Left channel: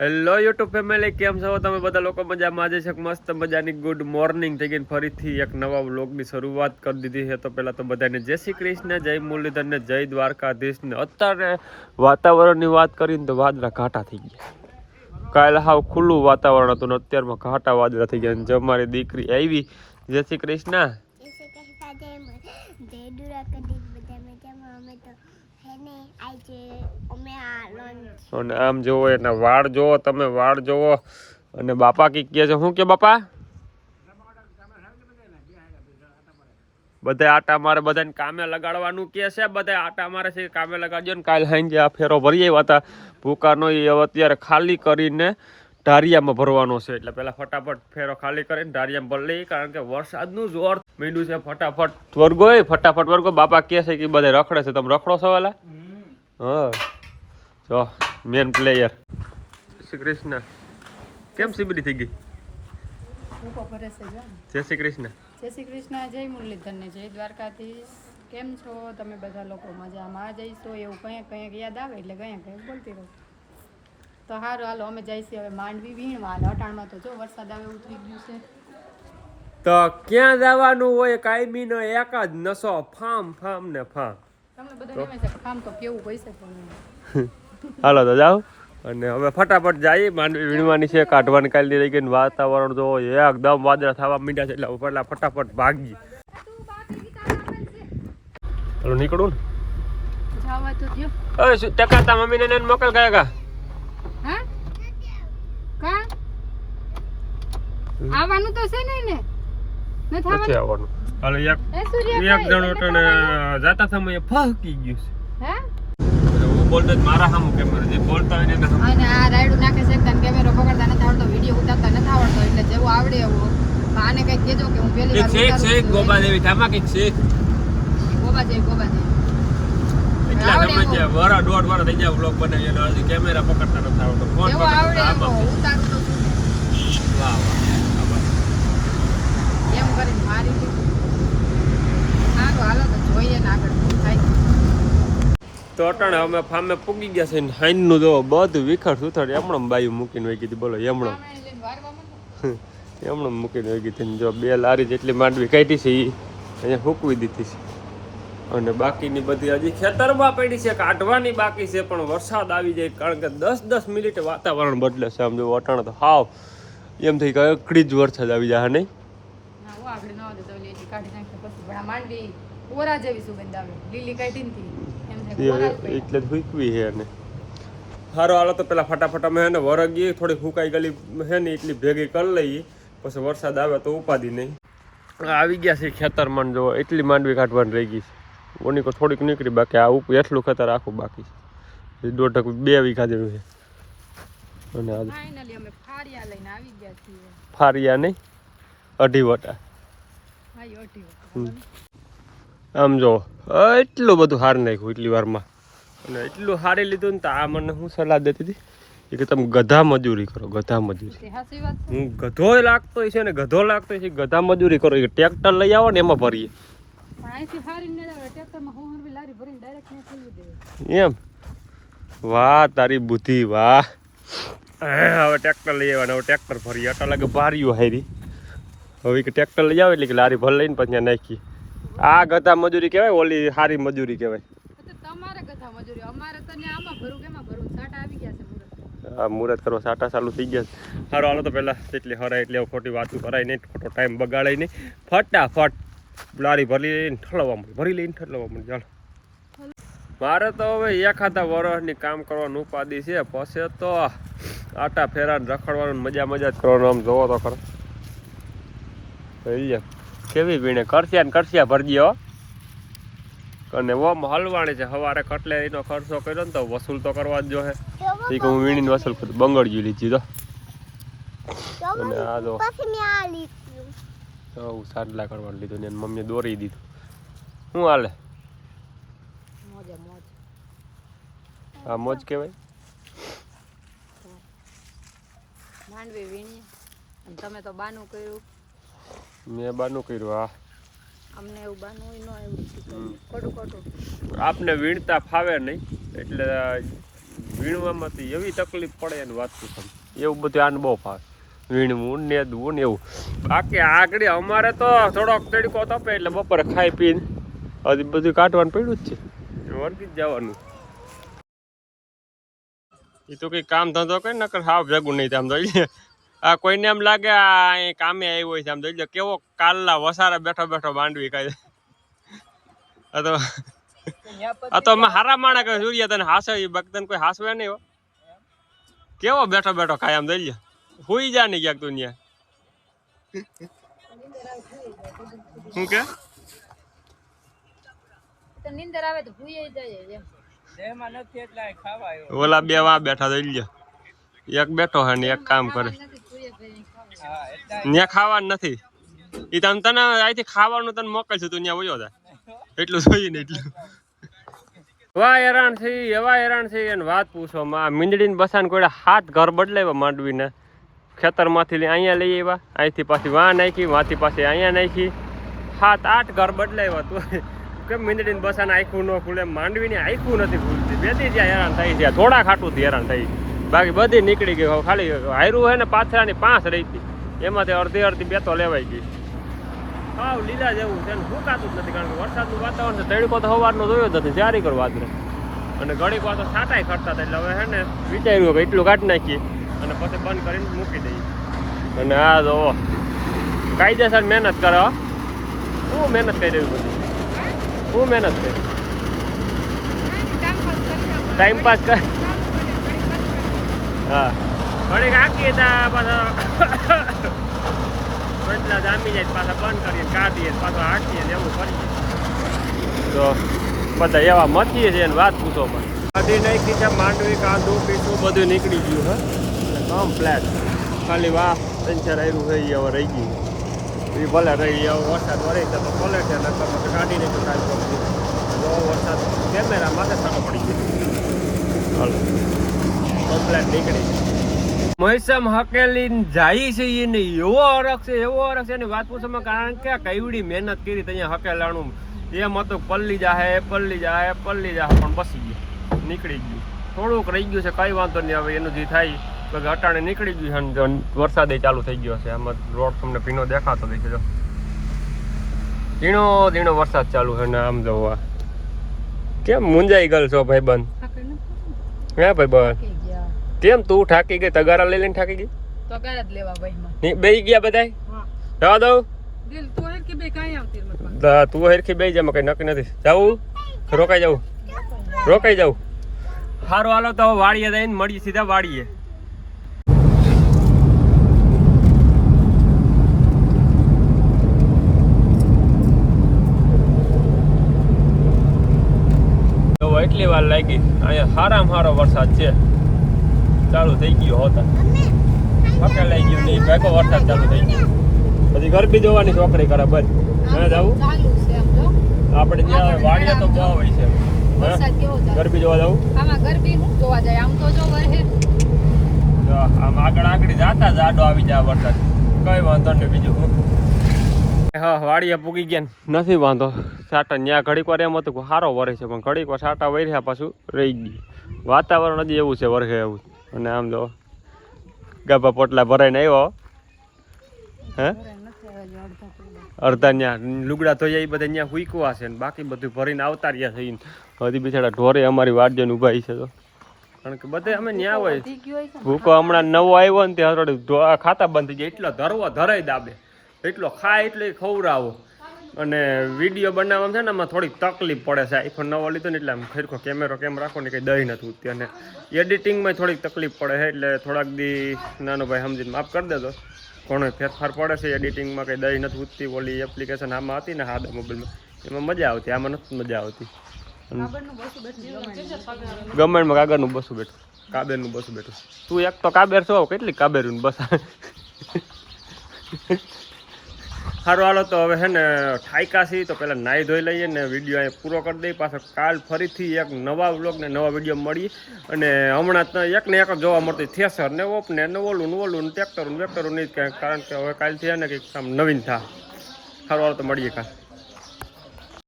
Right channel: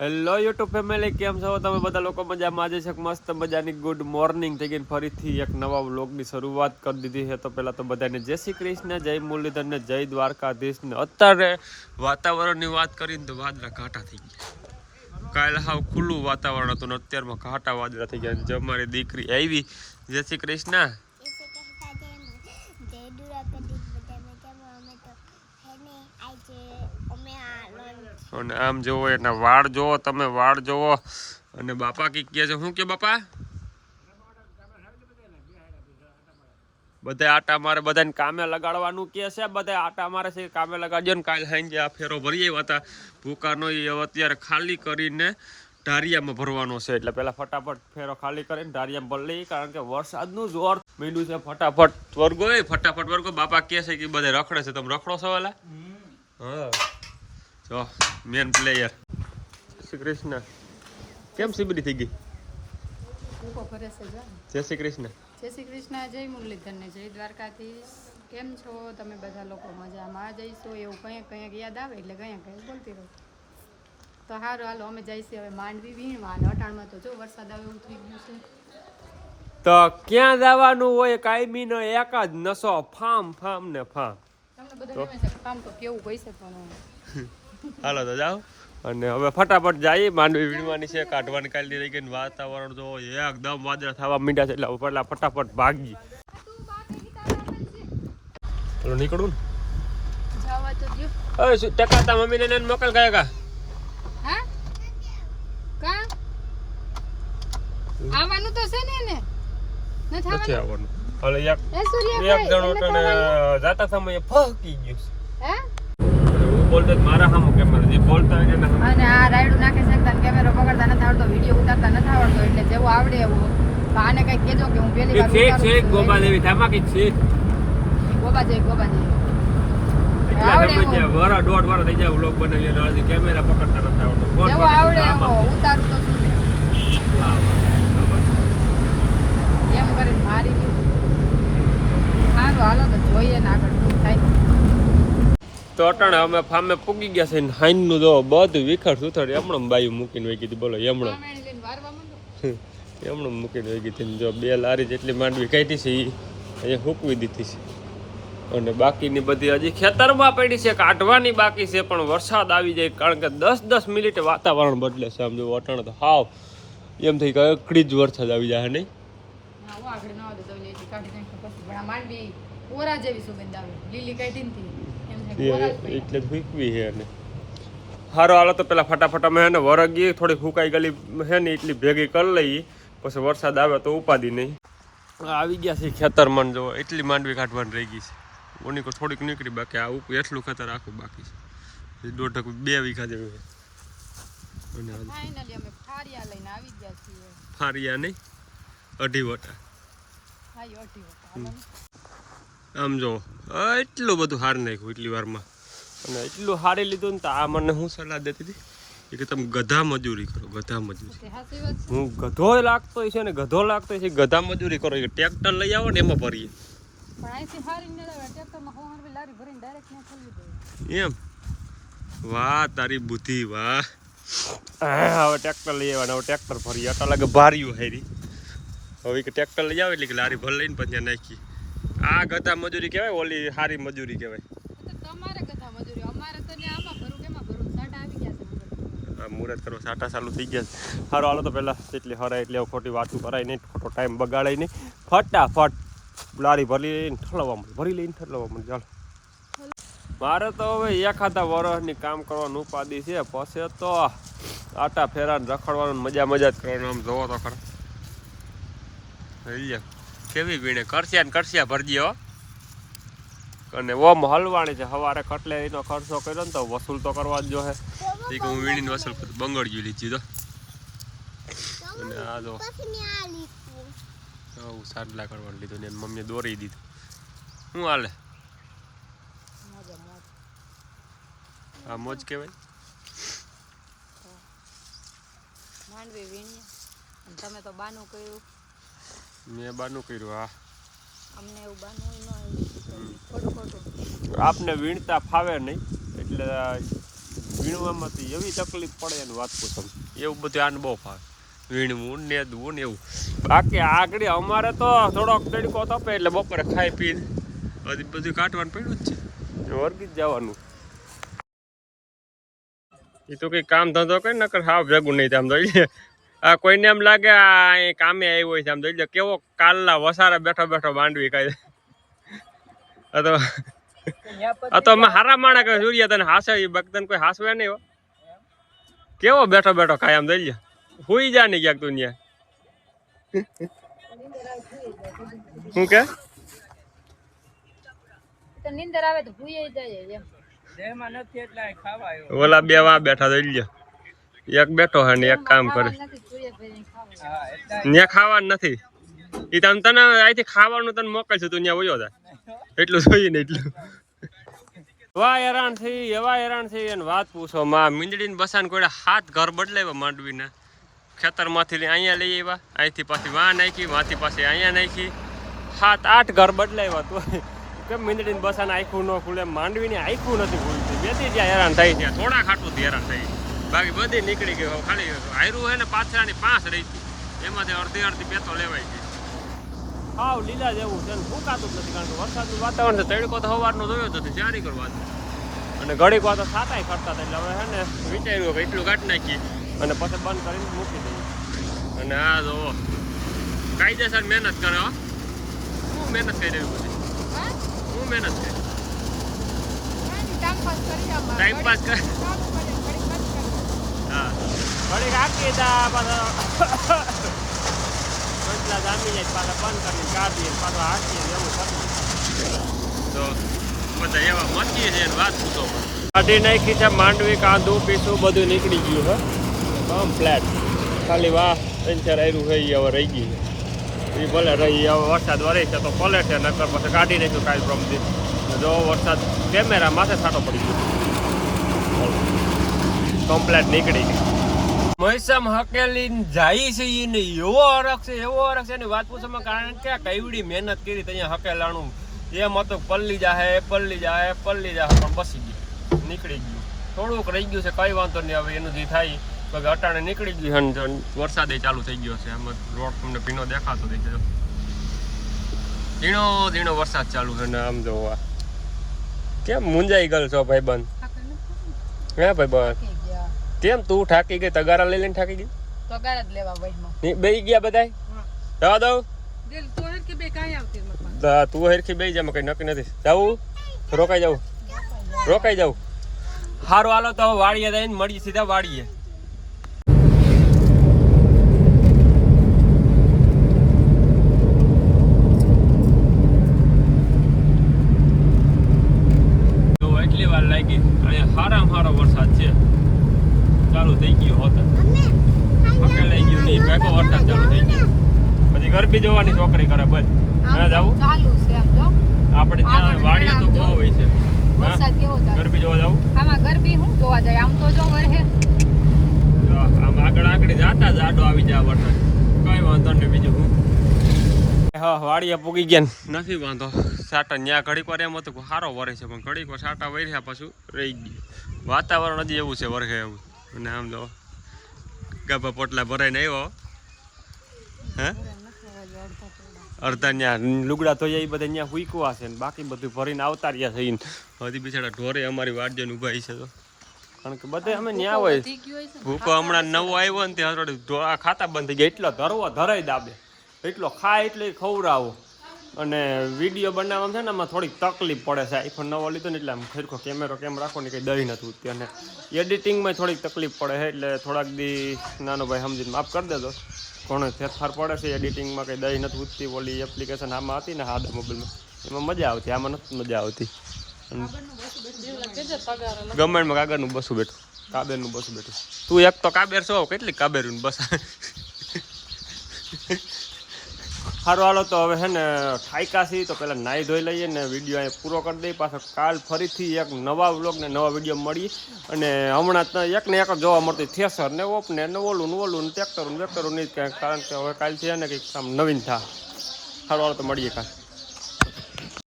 Hello YouTube family, કેમ છો તમે બધા લોકો? મજામાં? આજે છે મસ્ત મજાની ગુડ મોર્નિંગ થઈ ગઈ, ફરીથી એક નવા વ્લોગની શરૂઆત કરી દીધી છે. તો પહેલાં તો બધાને જય શ્રી કૃષ્ણ, જય મુરલીધર ને જય દ્વારકાધીશ ને. અત્યારે વાતાવરણની વાત કરીને તો વાદળા ઘાટા થઈ ગયા. કાલે હાવ ખુલ્લું વાતાવરણ હતું ને અત્યારમાં ઘાટા વાદળા થઈ ગયા. જો મારી દીકરી આવી, જય શ્રી કૃષ્ણ. અને આમ જોવો એના વાળ જોવો તમે, વાળ જોવો. અને બાપા કી કહે છે, શું કે બાપા? બધા આટા મારે, બધાને કામે લગાડવાનું કે છે. બધા આટા મારે છે, કામે લગાડજો ને. કાલે સાંજે આ ફેરો ભરી આવ્યા હતા ભૂકાનો, એ અત્યારે ખાલી કરીને ઢારિયામાં ભરવાનો છે. એટલે પેલા ફટાફટ ફેરો ખાલી કરીને ઢારિયામાં ભરી લઈએ, કારણ કે વરસાદનું જોર મીંડું છે. ફટાફટ વર્ગો, ફટાફટ વર્ગો. બાપા કહે છે કે બધા રખડે છે, તમે રખડો છો વાલા? હા, જો મેન પ્લેયર. શ્રી કૃષ્ણ. કેમ સીબડી થઈ ગઈ? જય શ્રી કૃષ્ણ. જય શ્રી કૃષ્ણ, જય મુરલીધર ને જય દ્વારકાધીશ. કેમ છો તમે બધા લોકો? મજામાં જઈશો એવું કંઈક યાદ આવે એટલે કંઈક બોલતી રહો. તો સારું, હાલો અમે જઈશું હવે માંડવી વીણવા. અને અટાણમાં તો જો વરસાદ આવે એવું થઈ ગયું છે. તો ક્યાં જવાનું હોય? કાયમી નો એક જ નશો, ફામ ફામ ને ફામ. તમને બધું આમ તો કેવું પૈસે પણ હાલો તો જાઓ. અને હવે ફટાફટ જઈએ, માંડવી વીણવાની છે, કાઢવાની કાઢી રહી ગઈ. વાતાવરણ જો એકદમ વાદળા થવા માંડ્યા છે, એટલે પેલા ફટાફટ ભાગી. હાલો નીકળું. જવા તો દો. ઓય ટકરતા મમ્મીને ને મોકલ ગયા કા. હા કા આવવાનું તો છે ને ન થવાનું. હાલો એક જણો તને જાતા સમયે ફહકી ગયું છે. હે હું બોલતો મારા સામું કેમેરા જે બોલતા હોય ને. અને આ રાઈડું નાખે છે એકદમ, કેમેરો પકડતા નથી આવડતો, વિડીયો ઉતારતા નથી આવડતો, એટલે જેવું આવડે એવું. આને કઈ કહેજો કે હું પહેલી વાર ઉતારું છું. ગોબા દેવી ધામા કઈ છે. ગોબા જઈ આવડે છે વરા દોઢ વરા થઈ જાય વ્લોગ બનાવી અને હજી કેમેરા પકડતા નથી આવડતો. જેવું આવડે એવું ઉતારતો વાહ, એમ કરીને મારી સારું. હાલો તો જોઈએ ને આગળ શું થાય. તો અટાણે અમે ફામે પૂગી ગયા છે. હાઈનનું જો બધું વિખર સુથર એમણમ બાયું મૂકીને વહી ગઈ. બોલો એમણમ એમણમ મૂકીને વહી ગઈ. જો 2 લારી જેટલી માંડવી કાઢી છે એ અહીંયા ફૂકવી દીધી છે. અને બાકીની બધી હજી ખેતરમાં પડી છે, કાઢવાની બાકી છે. પણ વરસાદ આવી જાય, કારણ કે 10-10 મિનિટે વાતાવરણ બદલે છે. આમ જો અટાણે તો હાવ એમ થઈ ગયો એકડી જ વરસાદ આવી જાય. નહીં આગળ ના આવે તો કાઢી નાખે પછી પણ માંડવી ઓરા જેવી સુગંધ આવે, લીલી કાઢી નથી એટલે જ ફૂકવી છે. અને સારો હાલો તો પેલા ફટાફટ અમે એને વરગી થોડી ફૂંકાઈ ગયેલી છે ને એટલી ભેગી કરી લઈએ, પછી વરસાદ આવે તો ઉપાદી નહીં. આવી ગયા છે ખેતરમાં, જો એટલી માંડવી કાઢવાની રહી ગઈ છે. ઓની કો થોડીક નીકળી, બાકી આ ઉપર એટલું ખેતર આખું બાકી છે. 1.5-2 વીઘા જેવું છે. અને ફાઇનલી અમે ફારિયા લઈને આવી ગયા છીએ. ફારિયા નહીં, 2.5 વટા. હા 2.5 વટા. આમ જો એટલું બધું હાર નાખ્યું એટલી વારમાં. અને એટલું હારી લીધું ને તો આ મને હું સલાહ દેતી હતી કે તમે ગધા મજૂરી કરો, ગધા મજૂરી. હું ગધો લાગતો છે ને ગધો લાગતો છે, ગધા મજૂરી કરો. ટ્રેક્ટર લઈ આવો ને એમાં ભરીએ. એમ વાહ તારી બુદ્ધિ વાહ. હવે ટ્રેક્ટર લઈ આવવાના, હવે ટ્રેક્ટર ભરીએ. આટલા લાગે ભાર્યું હારી. હવે કે ટ્રેક્ટર લઈ આવે એટલે કે લારી ભર લઈને પછી નાખી. આ ગધા મજૂરી કહેવાય, ઓલી સારી મજૂરી કહેવાય. તમારે ગધા મજૂરી, અમારે તો આમાં ભરું કેમાં ભરું. સાટા આવી ગયા છે. આ મુહૂર્ત કરવા સાટા ચાલુ થઈ ગયા. સારું હાલો તો પહેલાં એટલી હરાય એટલે ખોટી વાતું કરાય નહીં, ખોટો ટાઈમ બગાડાય નહીં. ફટાફટ લારી ભરી લઈને ઠલવવા મળે, ભરી લઈને ઠલવવા મળે. ચાલો મારે તો હવે એખાદા વર્ષની કામ કરવાનું ઉપાધિ છે. પછી તો આટા ફેરાને રખડવાનું મજા જ કરવાનું. આમ જોવો તો ખરા કેવી વીણે કરશિયા ને કરશિયા ભરજી હો. અને ઓમ હલવાણી છે. સવારે કટલે એનો ખર્ચો કર્યો ને તો વસૂલ તો કરવા જ જો હે. એ કે હું વીણીને વસૂલ કરું. બંગડ્યું લીધી તો. અને આ જો હું સાડલા કરવાનું લીધું ને મમ્મીએ દોરી દીધું. શું હાલે? આ મોજ કહેવાય. માંડવી વીણી અને તમે તો બાનું કર્યું. મેં બાનું કર્યું. હા અમને એવું બાનું ન આવ્યું. ખોટું આપને વીણતા ફાવે નહીં એટલે વીણવામાં તો એવી તકલીફ પડે એને વાત તો તમે એવું બધું આને બહુ ફાવે વીણવું નેદવું ને એવું બાકી આગળ અમારે તો થોડોક તડકો તપે એટલે બપોરે ખાઈ પીને હજી બધું કાઢવાનું પડ્યું જ છે વર્ગી જ જવાનું એ તો કંઈ કામ ધંધો કરી નકર હાવ ભેગું નહીં આમ તો આ કોઈને એમ લાગે આ કામે આવ્યો હોય છે આમ તો કેવો કાલના વસારા બેઠો બેઠો માંડવી કાંઈ આ તો અમે હારા માણા કે સૂર્ય તને હાસે બગતન કોઈ હાસવે નહીં હો કેવો બેઠો બેઠો ખાય આમ દઈ હુઈ જા નહીં ક્યાંક તું ત્યાં શું કે નીંદર આવે તો ભૂઈ જાય ઓલા બે વા બેઠા દઈ એક બેઠો હે ને એક કામ કરે ત્યાં ખાવાનું નથી એ તને અહીંથી ખાવાનું તને મોકલશું તું ત્યાં વયો જાય એટલું જોઈએ ને એટલું એવા હેરાન થઈ એને વાત પૂછો માં મીંદડીને બસાને કોઈ હાથ ઘર બદલાવ્યા માંડવીને ખેતરમાંથી અહીંયા લઈ આવ્યા અહીંથી પાછી વાં નાખી વાંથી પાછી અહીંયા નાખી 7-8 ઘર બદલાવ્યા તું કેમ મીંદડીને બસાને આખું ન ખુલે માંડવીને આખું નથી ખુલતી બેથી જ્યાં હેરાન થઈ ગયા થોડા ખાટુંથી હેરાન થઈ બાકી બધી નીકળી ગઈ ખાલી હાયરું હે ને પાથરાની 5 રહી હતી એમાંથી અડધી બે તો લેવાઈ ગઈ હાવ લીલા જેવું છે ને સુકાતું જ નથી કારણ કે વરસાદનું વાતાવરણ છે તડકો તો સવારનો જોયો જ નથી ચારી કર વાત અને ઘડીક વાર તો છાંટાઈ કરતા હતા એટલે હવે હે ને વિચાર્યું કે એટલું કાઢી નાખીએ અને પછી બંધ કરીને મૂકી દઈએ અને આ જો કાયદેસર મહેનત કરે શું મહેનત કરી દેવી બધી શું મહેનત કરી ટાઈમ પાસ કર હા ઘડીક આખી તા પાછા એટલા જામી જાય પાછા બંધ કરીને ચા દઈએ પાછા હાંકીએ ને એવું કરીએ તો બધા એવા મચીએ છે એને વાત પૂછો મને કાઢી નાખી છે માંડવી કાંદું પીસું બધું નીકળી ગયું હે કમ્પ્લેટ ખાલી વાહ 3-4 આયરું છે એ હવે રહી ગઈ એ ભલે રહી હવે વરસાદ વરે છે તો ભલે છે નકર પછી કાઢી નાખ્યું કાલ પ્રમથી જો વરસાદ કેમેરા માથે છાંટો પડી ગયો કમ્પ્લેટ નીકળી ગયું મહેસામ હકેલી જાય છે એને એવો હરખ છે એની વાત પૂછવામાં કારણ કે કઈવડી મહેનત કરી ત્યાં હકેલાણું એમ હતું પલ્લી જાહે પણ બસી ગયું નીકળી ગયું થોડુંક રહી ગયું છે કઈ વાંધો નહીં હવે એનું જે થાય તો અટાણે નીકળી ગયું છે વરસાદે ચાલુ થઈ ગયો છે આમાં રોડ તમને ભીનો દેખાતો દેખજો ધીણો વરસાદ ચાલુ છે ને આમ જવા કેમ મુંજાઈ ગયેલ છો ભાઈ બંધ હે ભાઈ બંધ કેમ તું ઠાકી ગઈ તગારા લઈ લઈને ઠાકી ગઈ તગારા જ લેવા ભાઈ બેહી ગયા બધા જવા દઉં તું હેરખી બે જા કઈ નક્કી નથી જાઉં રોકાઈ જાઉં સારું હાલો તો વાડીએ જઈને મળીએ સીધા વાડીએ એટલી વાર લાગી અહીંયા સારામાં સારો વરસાદ છે ચાલુ થઈ ગયો હોતા પકડ લઈ ગયું નહીં ભેગો વરસાદ ચાલુ થઈ ગયો પછી ગરબી જોવાની છોકરી કરે બસ જવું આપણે ત્યાં વાડીએ તો બહુ હોય છે ગરબી જોવા જવું આમ આગળ જાતા જ આડો આવી જાય વરસાદ કઈ વાંધો નહીં બીજું હું હા વાડીએ પૂગી ગયા નથી વાંધો સાટા ત્યાં ઘડીક વાર એમ હતું કે સારો વરે છે પણ ઘડીક વાર સાટા વર્યા પાછું રહી ગયું વાતાવરણ હજી એવું છે વરખે એવું અને આમ જો ગાભા પોટલા ભરાઈને આવ્યો હે અડધા ત્યાં લુગડા ધોઈ એ બધા ત્યાં ફૂકવા છે ને બાકી બધું ભરીને આવતા રહ્યા છે હજી બિચારા ઢોરે અમારી વાટ જઈને ઊભા છે તો કારણ કે બધે અમે ત્યાં હોય ભૂકો હમણાં નવો આવ્યો ને ત્યાં ખાતા બંધ થઈ ગયા એટલો ધરાઈ દાબે એટલો ખાય એટલે ખવડાવો અને વિડીયો બનાવવામાં છે ને આમાં થોડીક તકલીફ પડે છે આઈફોન નવો લીધો ને એટલે આમ ખરેખર કેમેરો કેમ રાખો ને કંઈ દઈ નથી ઉઠતી અને એડિટિંગમાં થોડીક તકલીફ પડે છે એટલે થોડાક દી નાનો ભાઈ સમજીને માફ કરી દેજો ઘણો ફેરફાર પડે છે એડિટિંગમાં કંઈ દઈ નથી ઉઠતી ઓલી એપ્લિકેશન આમાં હતી ને સાદા મોબાઈલમાં એમાં મજા આવતી આમાં નથી મજા આવતી ગવર્મેન્ટમાં કાગળનું બસું બેઠું કાબેરનું બસું બેઠું તું એક તો કાબેર છો કેટલી કાબેરનું બસ સારું હાલો તો હવે હે ને ઠાયકા છીએ તો પહેલાં નાહી ધોઈ લઈએ ને વિડીયો અહીં પૂરો કરી દઈએ પાછો કાલ ફરીથી એક નવા વ્લોગ ને નવા વિડીયો મળીએ અને હમણાં એક ને એક જોવા મળતી થેસર ને ઓપને ને ઓલું ને ટ્રેક્ટરું વેક્ટરું નહીં કારણ કે હવે કાલથી હે ને કંઈક આમ નવીન થાય સારું હાલો તો મળીએ કાલ